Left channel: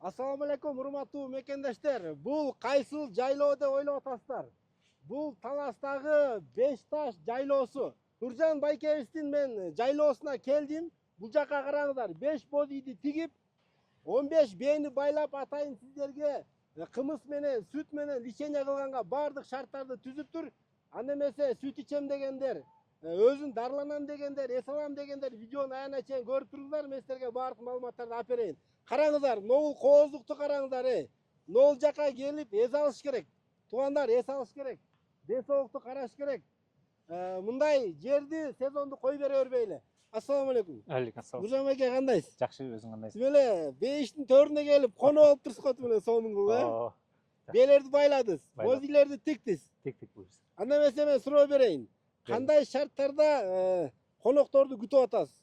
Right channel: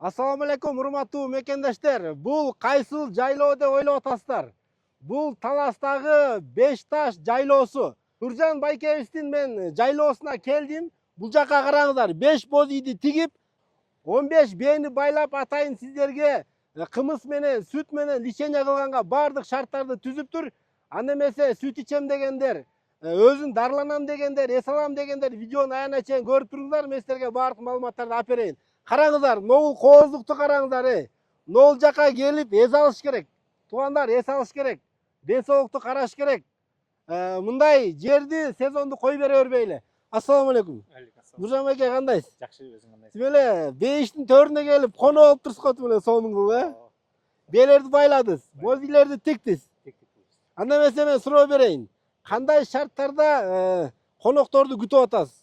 Assalamu alaikum, урматтуу мекендештер. Бул кайсыл жайлоо деп ойлоп атасыздар? Бул Таластагы Беш таш жайлоосу. Нуржан Байкебиздин мен жайлоосуна келдим. Бул жака караңыздар. 5 бозийди тигип, 15 бээни байлап атайын сиздерге. Кымыз менен, сүт менен лишение кылганга бардык шарттарды түзүптүр. Анда эмесе сүт ичем дегендер, өзүн дарланам дегендер, эс алам дегендер видеону аягына чейин көрүп туруңуздар. Мен силерге бардык маалыматтарды алып берейин. Караңыздар, ноул кооздукту караңыздар. Ноул жака келип эс алыш керек. Туугандар, эс алыш керек. Ден соолукту караш керек. Мындай жерди сезонду кой бере бербейли. Ассаламу алейкум. Алейкум ассалам. Нуржан байке кандайсыз? Жакшы, өзүң кандайсың? Сиз эле бейиштин төрүнө келип коно болуп турсуз эле сонуңду, Белерди байладыз, бозилерди тиктиз. Тик. Анда эмесе мен суроо берейин. Кандай шарттарда конокторду күтүп атасыз?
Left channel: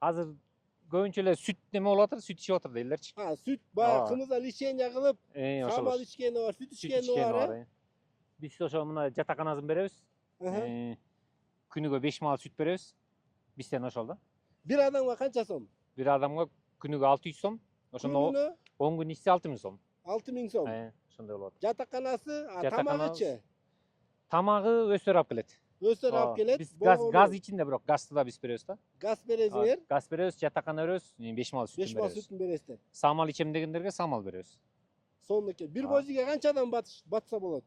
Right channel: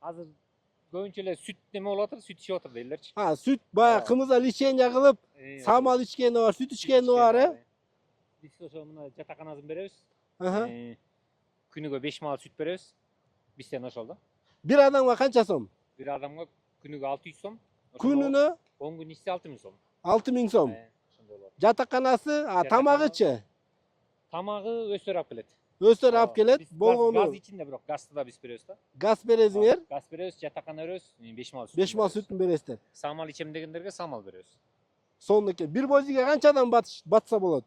Азыр көбүнчө эле сүт неме болуп атыр, сүт ичип атыр дейлерчи. Сүт баягы кымызда лишение кылып, самал ичкени бар, сүт ичкени бар, Биз ошо мына жатаканасын беребиз. Күнүгө 5 маал сүт беребиз. Бизден ошол да. Бир адамга канча сом? Бир адамга күнүгө 600 сом. Күнүнө 10 күн ичсе 6000 сом. 6000 сом. Ошондой болот. Жатаканасы, тамагычы? Тамагы өстөр алып келет. Өстөр алып келет. Газ ичинде, бирок газды да биз беребиз да. Газ бересиңер? Газ беребиз, жатакана беребиз, 5 маал сүт. 5 маал сүтүн бересиздер. Самал ичем дегендерге самал беребиз. Сонун экен. Бир бозиге канча адам батса болот?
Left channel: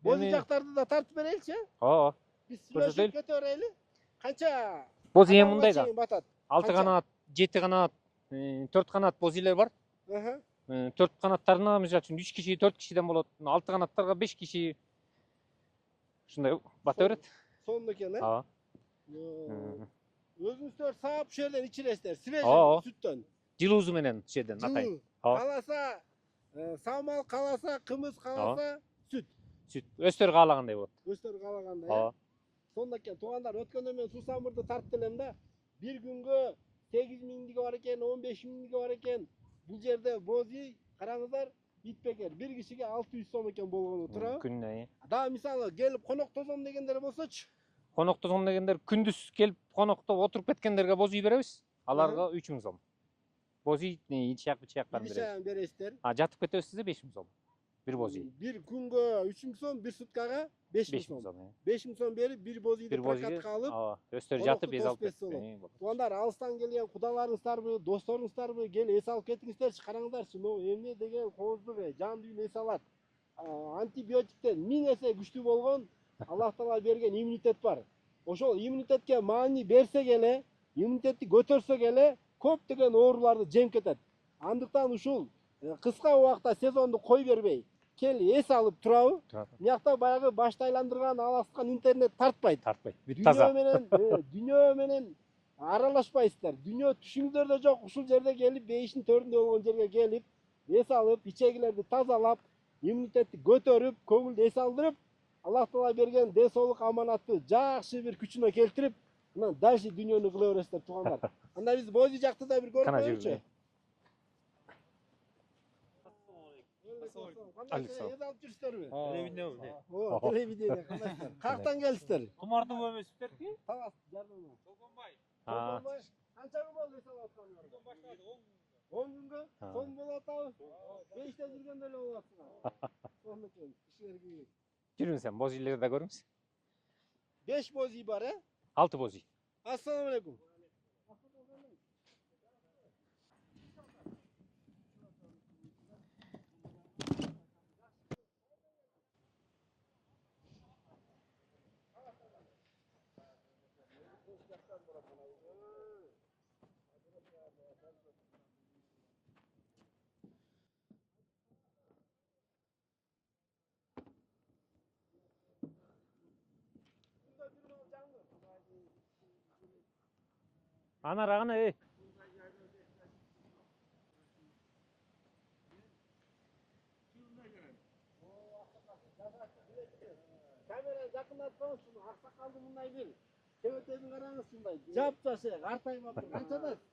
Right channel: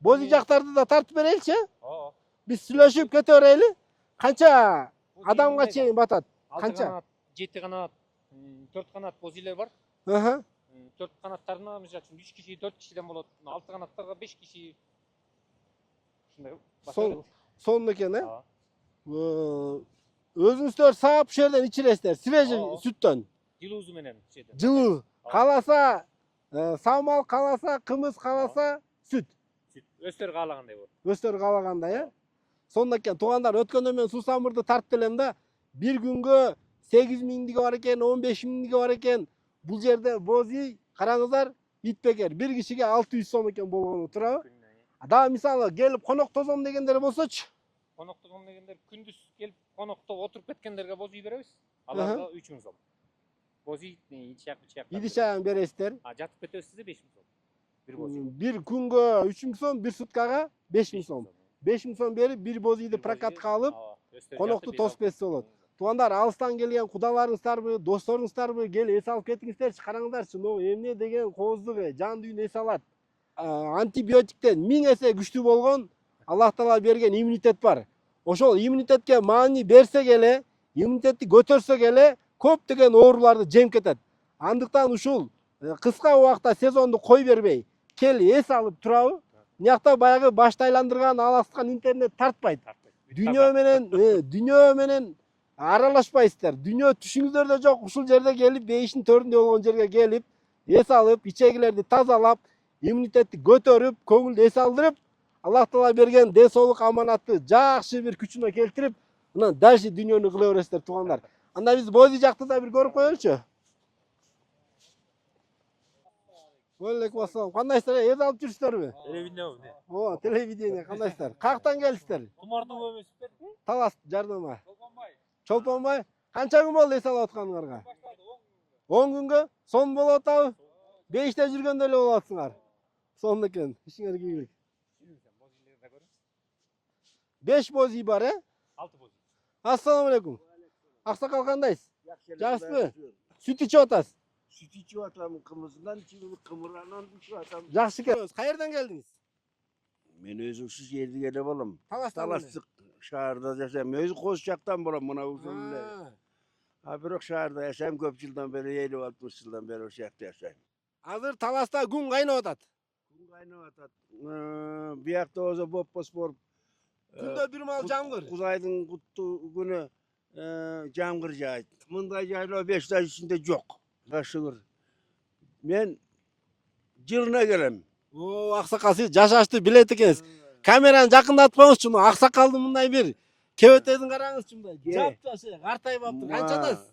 Бози жактарды да тартып береличи? Ооба. Биз сүйлөшүп кете берели. Канча адамга чейин батат? 6 канат, 7 канат, 4 канат бозилер бар. 4 канаттарына мисалы үчүн 3 киши, 4 кишиден болот. 6 канаттарга 5 киши ушундай бата берет. Сонун экен, өзүңүздөр саап ушул жерден ичиресиздер, свежий сүттөн. Жылуусу менен ушул жерден. Жылуу. Кааласа самал, кааласа кымыз, кааласа сүт. Сүт өстөр каалагандай болот. Өстөр каалагандай, Сонун экен. Туугандар, өткөндө мен суусамырды тартып элем да, бир күнгө 8000 бар экен, 15000 бар экен. Бул жерде бози, караңыздар, итбекер. Бир кишиге 600 сом экен болгону турабы? Күнүнө. Дагы мисалы келип конок тозом дегендер болсочу? Конок тозом дегендер күндүз келип конокто отуруп кеткендерге бози беребиз. Аларга 3000 сом. Бози ичак. Идишаян бересиздер. Жатып кетесиз 5000 сом. Бир бози. Бир күнгө 3000 сом, бир суткага 5000 сом. 5000 сом берип, бир бозиди прокатка алып, конокто тосуп кетсе болот. Туугандар, алыстан келген кудаларыңыздарбы, досторуңуздарбы, келип эс алып кетиңиздерчи, караңыздарчы, могу эмне деген кооздук, жан дүйнө эс алат. Антибиотиктен 1000 эсе күчтүү болгон Аллах Таала берген иммунитет бар. Ошол иммунитетке маани берсек эле, иммунитетти көтөрсөк эле, көптөгөн ооруларды жеңип кетет. Андыктан ушул кыска убакта сезонду кой бербей, кел эс алып турабы? Мыякта баягы башты айландырган, аласкан интернет тартпайт. Дүйнө менен аралашпайсыздар. Дүйнө түшүңүздөрдө жок. Ушул жерде келип, бейиштин төрүндө болгон жерге келип, эс алып, ичегилерди тазалап, иммунитетти көтөрүп, көңүлдү эс алдырып, Аллах Таала берген ден соолук аманатты жакшы бир күчүнө келтирип, мына дальше дүйнөнү кыла бересиздер, туугандар. Анда биз бози жакты да бир көрүп коелучу. Алейкум ассалам. Кандайсыздар? Эс алып жүрсүздөрбү? Телевидение. Телевидение кандайсыздар? Каяктан келдиңиздер? Кумардын көмөсүздөрбү? Талас жардама. Чолпонбай. Канча күн болду эс алып атканыңарга? 10 күнгө? Сон болуп атабы? Бейиште жүргөндө эле болуп атсыңар. Сонун экен. Ишиңерге ийгилик. Жүрүңүз сен, бозилерди да көрүңүз. 5 бози бар, 6 бози. Ассаламу алейкум. Аксакал кандайсыз? Жакшысызбы? Сүт ичип атасыз? Süt içiyor atam, kımızından içiyor, kımırlarından içiyor atam. Жакшы экен. Каерден келдиңиz? Men özüksüz yerde gelip olam. Talas'tan Talastık şehirde yaşayayım. Özü Koşacak'tan buram buna usulüyle. Bırak şehirde yaşayayım köp yıldan beri, 50-60 yıldan beri o şehirde yaşayayım. Azыр Таласта күн кайнап атат. Gün kaynıyor atat. Bir yakta oza boppos bor. Күндө бир мал жамгыр. Kuzaydın kutlu günü jangır Ana, jaydı. Mınday jaylı 5 ay içinde yok. Kaşıgır. Men жылына келем. Аксакал сиз жашашты билет экенсиз. Камераны жакындатпаңызчы, аксакалды мындай бир кебетедин караңызчы мындай. Жап-жаш, картайып аптыр. Канчадасыз?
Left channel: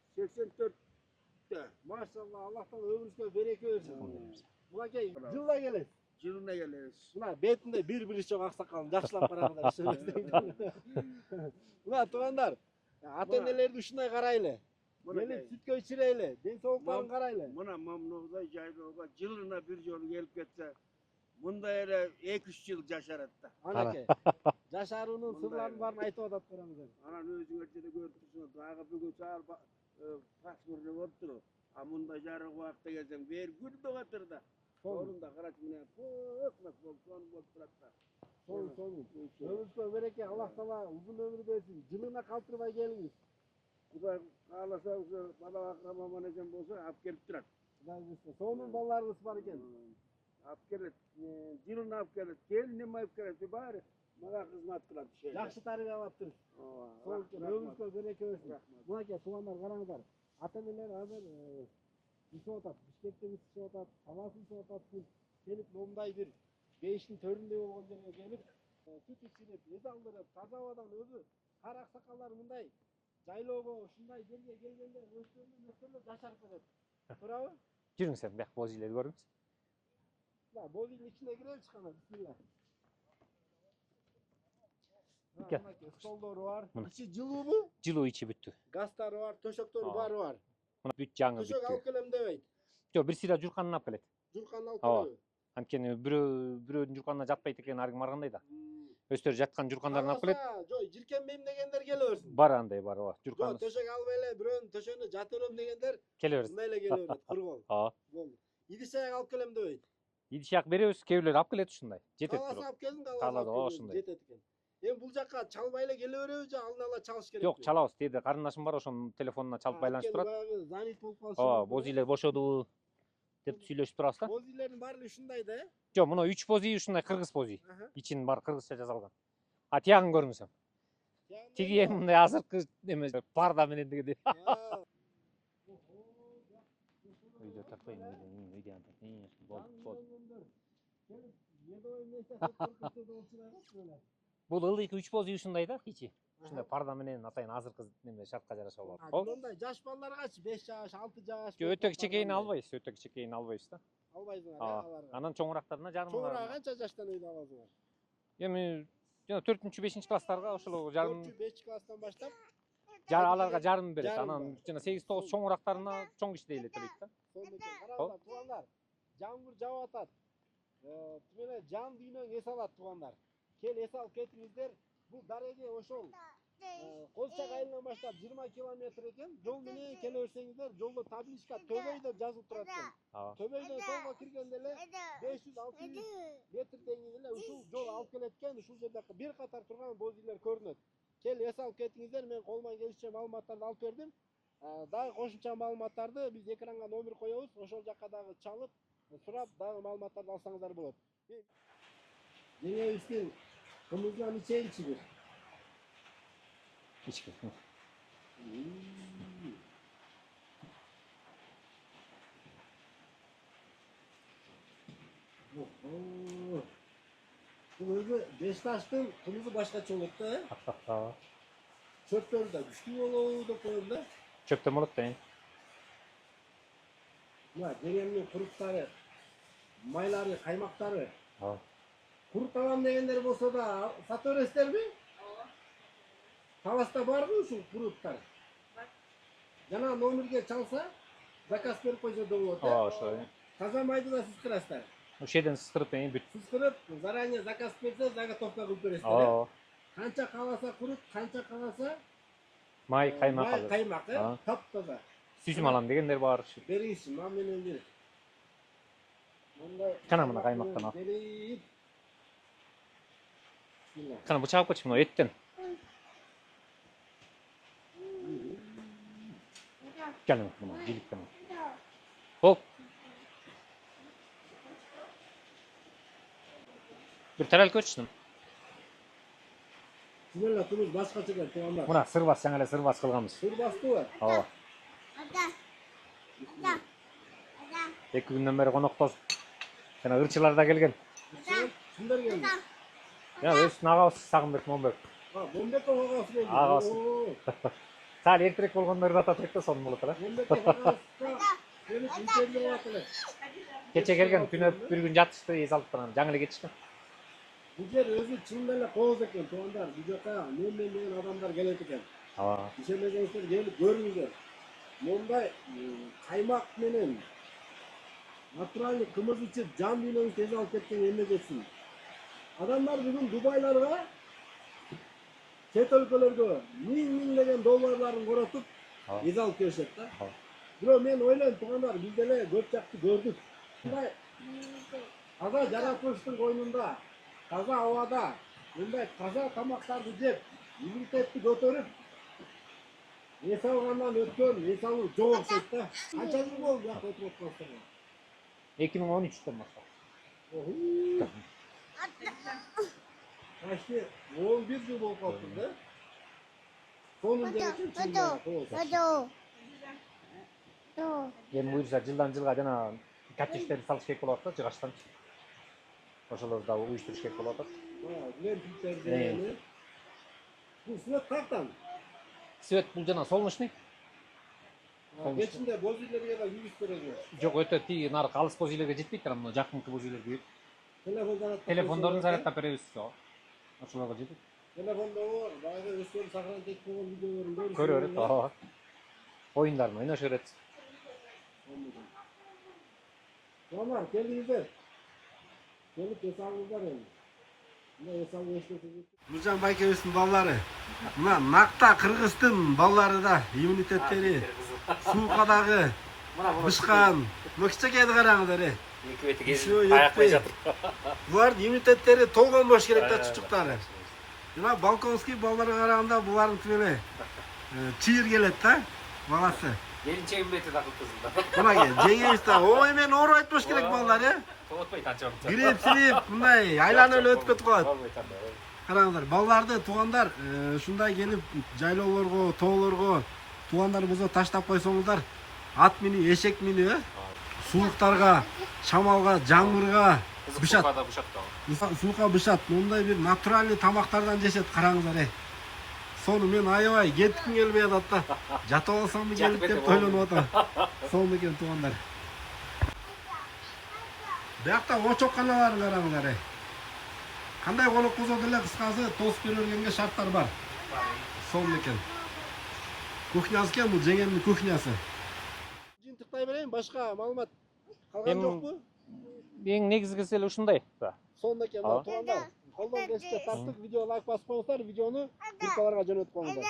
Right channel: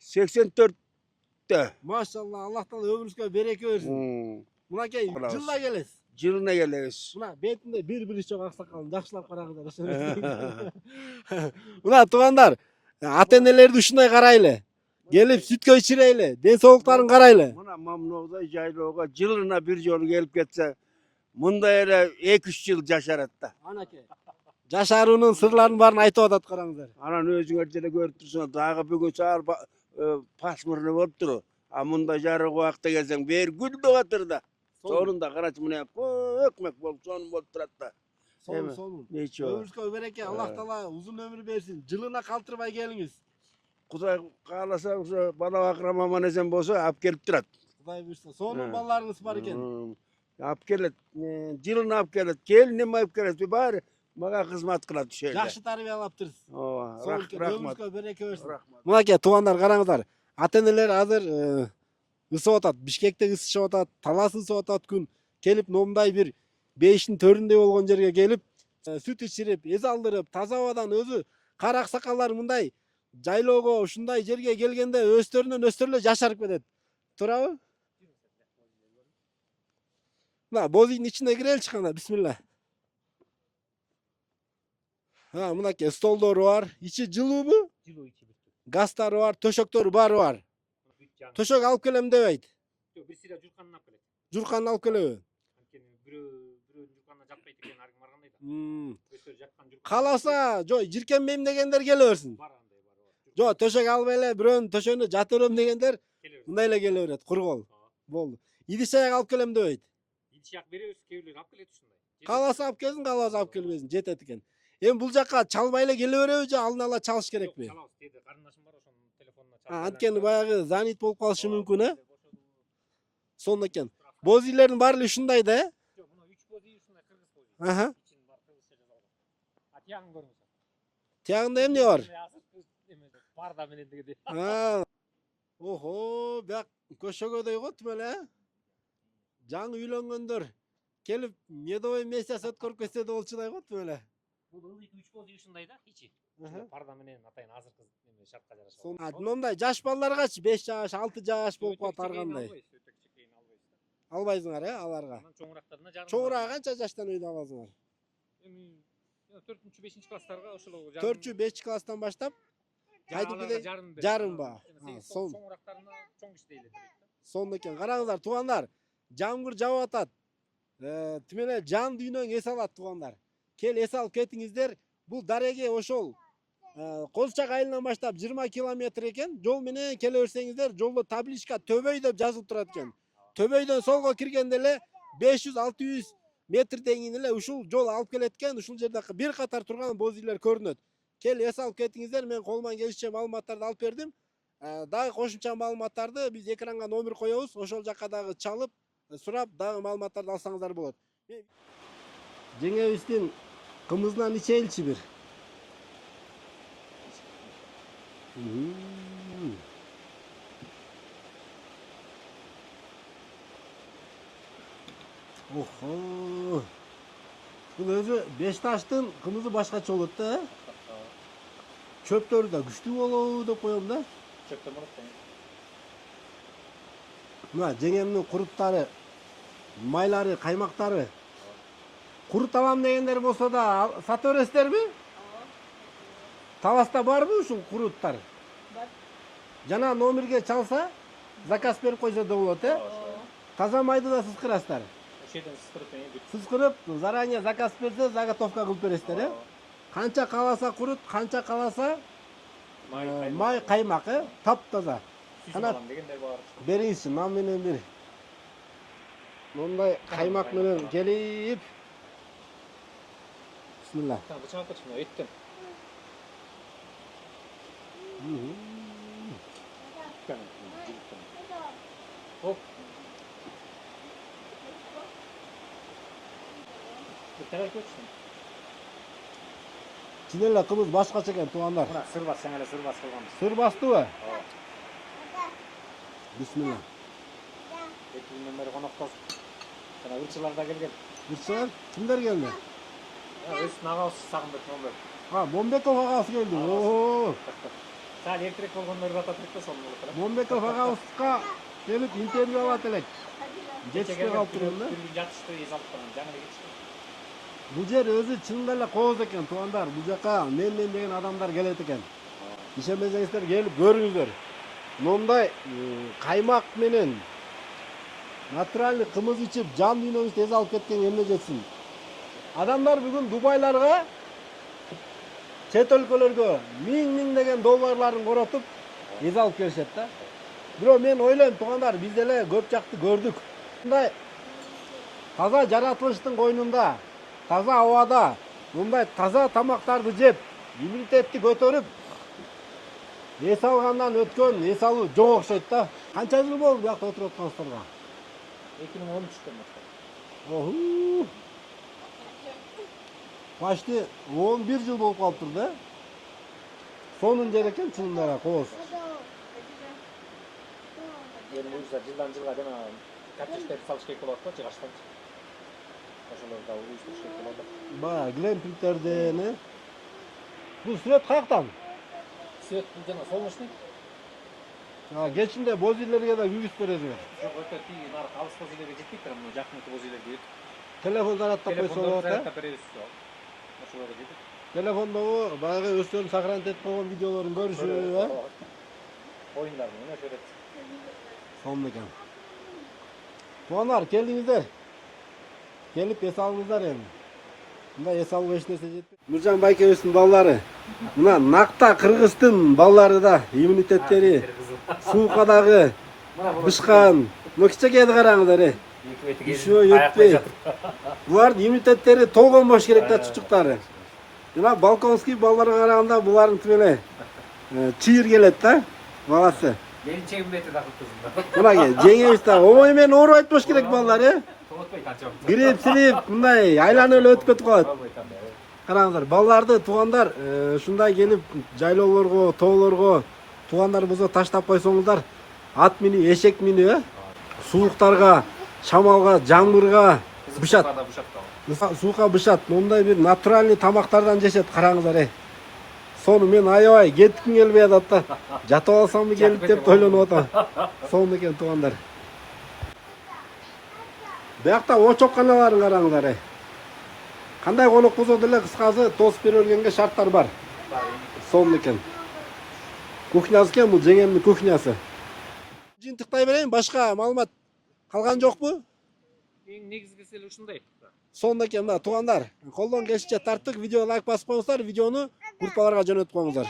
84'te. Машалла, Аллах Таала өмүрүңүзгө береке берсин. Мынакей жылда келесиз. Жылына келебиz. Мына бетинде бир чок аксакалын жакшылап караңыздар. Мына туугандар, ата-энелерди ушундай карайлы. Gelip sütkö içireyli. Densoğluktарын karaylı. Muna Mamnovda Jayloga жылына bir жолу gelip getse munda ele 2-3 yıl yaşarat da. Жашарунун сырларын барын айтып атат караңыздар. Anan özüңerçe de görüp tursun. Dağı bugün çağır pasmırını bolup turu. A munda jarı vakta gelsen bir gül doğatır da. Sonunda karaç mına ökmek bolup sonun bolup turat da. Сонун сонун. Neyçi o. Ömürüzгө береке, Аллах Таала uzun ömür versin. Жылына калтырбай келиңиz. Kuday kalasa bana akrama manezem bolsa ap gelip turat. Кудай буйрса. Сонун балдарыңыз бар экен. Ap gelet. Жылына ап gelet. Gelinim ap gelet. Bir bari maga hizmet kılat şöyle. Жакшы тарбиялаптырсыз. Сонун экен. Rahmat. Ömürүңүзгө береке берсин. Rahmat. Мынакей туугандар караңыздар. Ата энелер азыр ысып атат. Бишкекте ысышып атат, Талас ысып атат күн. Келип момундай бир бейиштин төрүндө болгон жерге келип, сүт ичирип, эз алдырып, таза абадан өзү кара аксакалдар мындай жайлоого ушундай жерге келгенде өстөрүнөн өстөрүлө жашарып кетет. Туурабы? Жүрүң сен бияк боз үйлерди көрүңүз. Мына боз үйдүн ичине киреличи кана, бисмилла. Мынакей столдору бар. Ичи жылуубу? Жылуу ичи бүттү. Газдары бар, төшөктөрү баары бар. Мына бүт жаңы. Төшөк алып келем дебейт. Жок, бир сыйда журканын алып келет. Журканды алып келеби? Анткени бирөөнүн журканына жатпайт экен, аргы баргандай да. Өздөрү жаткан журканын Кааласа, жок, жиркенбейм дегендер келе берсин. бар андай бар. Жок, төшөк албай эле бирөөнүн төшөгүнө жата берем дегендер келе берет. мындай эле келе берет, кур кол. Болду. Идиш аяк алып келем дебейт. Идиш аяк беребиз, кээ бирлер алып келет ушундай. Кааласа алып келсин, кааласа алып келбесин, ушундай. жетет экен. Эми бул жакка чалбай эле келе береби же алдын ала чалыш Жок, керекпи? чалабыз. Деди карындашым бар, ошонун телефонуна чалып Анткени баягы занят болуп калышы мүмкүн, Боз үйлер бошоду. Сонун экен. Боз Боз үйлердин баары эле ушундай да, Жок, мына 3 боз үй ушундай кыргыз боз үй. э? Ичин бар кыргызча жазылган. А тиягын көрүңүз. Тиягында эмне бар? Мындай азыркы эме парда менен дегендей. Охо, бияк көшөгөдөй го тим эле. Жаңы үйлөнгөндөр келип медовый месяц өткөрүп кетсе да болчудай го тим эле. Бул ылдыйкы 3 боз үй ушундай да, ичи. Ушундай парда менен атайын азыркы неме шартка жараша болгон. Мондай жаш балдаргачы 5 жаш, 6 жаш болуп Өтө кичекейин албайбыз, өтө кичекейин албайбыз да. Албайсыңар э аларга. Анан чоңурактарына жарым. Чоңураак канча жаштан өйдө аласыңар? Эми жана 4-5 класстарга ошол жарым. 4-5 класстан баштап Аларга жарым берет. жарым ба? Жана 8-9 чоңурактарына чоң киши эле төлөйт да. Сонун экен. Караңыздар, туугандар. Жамгыр жауып атат. Тим эле жан дүйнөң эс алат, туугандар. Кел эс алып кетиңиздер. Бул дареге ошол Козчак айылынан баштап 20 километр экен. Жол менен келе берсеңиздер, жолдо табличка Төбөй деп жазылып турат экен. Төбөйдөн солго киргенде эле 500-600 метрден кийин эле ушул жол алып келет экен. Ушул жерде бир катар турган боз үйлер көрүнөт. Кел эс алып кетиңиздер, мен колуман келишинче маалыматтарды алып бердим. Дагы кошумча маалыматтарды биз экранга номер коебуз. Ошол жакка дагы чалып, сурап, дагы маалыматтарды алсаңыздар болот. Жеңебиздин кымызынан ичеличи бир. Охо. Бул өзү Бешташтын кымызы башкача болот да. Чөптөрү да күчтүү болобу деп коем да. Чөптөн болот да. Мына жеңемдин куруттары, майлары, каймактары. Курут алам дегендер болсо да сата бересиздерби? Таласта барбы ушул куруттар? Бар. Жана номерге чалса, заказ берип койсо да болот, э? Ошо. Таза майды да сиз кырасыздар. Ошеден сыстырып бүт. Сиз кырып, заранее заказ берсе, заготовка кылып бересиздер, э? Канча каласа курут, канча каласа Май каймак. май каймак, э? Таптаза. Сүзүм алам дегендер бар. Бериңизчи, нам менен бир. Мондай каймак менен келип. Бисмилла. Кана бу чагып кетчү, мына эттен. Келин, жиликтен. Хоп. Бир тарелка өчтүм. Чынеле кымыз башкача экен, туугандар. Мына сырбас, жаңы эле сырбас кылганбыз. Сыр бастыбы? Ооба. Бисмилла. 2 күндөн бери коноктор. Жана ырчылар да келген. Бирсе, кимдер келди? Өздүн агабыз Сагынбек Момбек. Момбеков агабыз келди. Агабыз. Саал эртерээк болгондор да атат элек да, сонун болот эле. Момбеков агабызга келип интервью алат элек. Кече келген күнөп бир күн жатышты, эс алып турган. Жаңы эле кетишти. Бул жер өзү чынында эле кооз экен, туугандар. Бул жака мен деген адамдар келет экен. Ишенбесеңиздер келип көрүңүздөр. мындай каймак менен натуральный кымыз ичип жан дүйнөбүздү эс алып кеткен эмне жетсин. Адамдар бүгүн Дубайларга, чет өлкөлөргө миңдеген долларларын коротуп эс алып келишет да. Бирок мен ойлойм, туугандар, биз деле көп жакты көрдүк. Мындай таза жаратылыштын койнунда, таза абада, мындай таза тамактарды жеп, иммунитетти көтөрүп, эс алгандан өткөн эс алуу жок окшойт да. Канча жыл болду буякта отуруп аткансыздарга? 2013'ten başladı. Оху. Почти 11 жыл болуп калыптыр да. Сонун жер экен чынында коосу. Endi buyursa жылдан жылга жана коттедждерди салыш керек болот да, жыгачтан. Ошолорду да уюштуруш керек болот. Баягы глэмпингтерден. Бул свет каяктан? Свет бул жана солнечный. Кечинде бозилерге да үгүз бересиң. Жок, өтө тиги наркы алыс бозилерге жетпейт, мына жакынкы бозилерге. Телефон зарядтап койсо Телефондорду болот да. зарядтап беребиз. Ошолорго жетет. Телефондогу баягы өздөрүн сохранить этип койгон видеолорун көрүшүп, Оюндар менен ойношо берет. сонун экен. Туугандар, келдиңиздер. Келип эс алыңыздар эми. Мындай эс алуу эч нерсе жетпейт. Нуржан байкебиздин балдары. Мына накта кыргыздын балдары да иммунитеттери суукадагы бышкан. Мына кичинекейди караңыздар. Булардын иммунитеттери толгон болуш керек да, чучуктары. Жана балконский балдарга караганда булардын тиле чийир келет да, баласы. Келинчегим метр да кылып. Мына жеңебиз да, ой мен ооруп айтпаш керек балдар, Томотпой канча. Билип, силип, мындай айланып эле өтүп кетип калат. Караңыздар, балдарды туугандар ушундай келип жайлоолорго, тоолорго туугандарыбызга таштап койсоңуздар, ат минүү, эшек минүү, сууктарга, шамалга, жамгырга бышат. Суука бышат. Мындай бир натуральный тамактардан жешет, караңыздар. Сону мен аябай кетким келбей атат да. Жатып алсамбы келип деп ойлонуп атам. Сонун экен туугандар. Буякта очокканаларын караңыздар. Кандай конок болсо деле кыскасы тосуп бере бергенге шарттар бар. Сонун экен. Кухнясы экен бул, жеңемдин кухнясы. Жыйынтыктай берейин, башка маалымат калган жокпу? Эң негизгиси эле ушундай. Сонун экен мына туугандар. Колдон келишинче тарттык, видеого лайк басып коюңуздар, видеону группаларга жөнөтүп коюңуздар.